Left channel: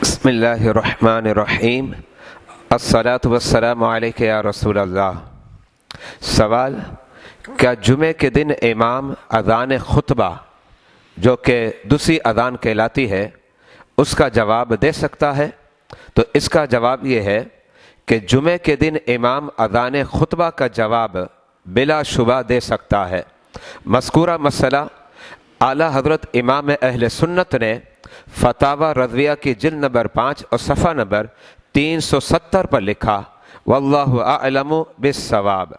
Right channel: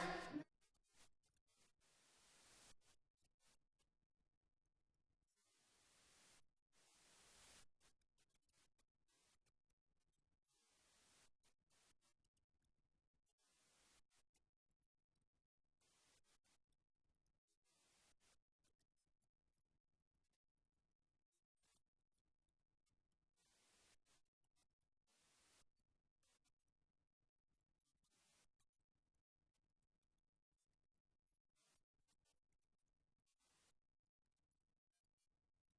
बिस्मिल्लाहिर्रहमानिर्रहीम अस्सलातु वस्सलामु अलैका या रसूल अल्लाह। सवाल, क्या जुमे के दिन इमाम अज़ान खुतबा जो कि दूसरी अज़ान कहलाती है उसका जवाब दे सकता है? तो इसका जवाब ये है कि जुमे के दिन इमाम अज़ान खुतबा का जवाब बिलाशुबा दे सकता है। मज़कूरा मसला आला हज़रत इमाम अहले सुन्नत ने फतावा रज़विया की जिल्द नंबर 5 और सफ़ा नंबर 370 पर लिखा, वल्लाहु आलमु बिस्सवाब।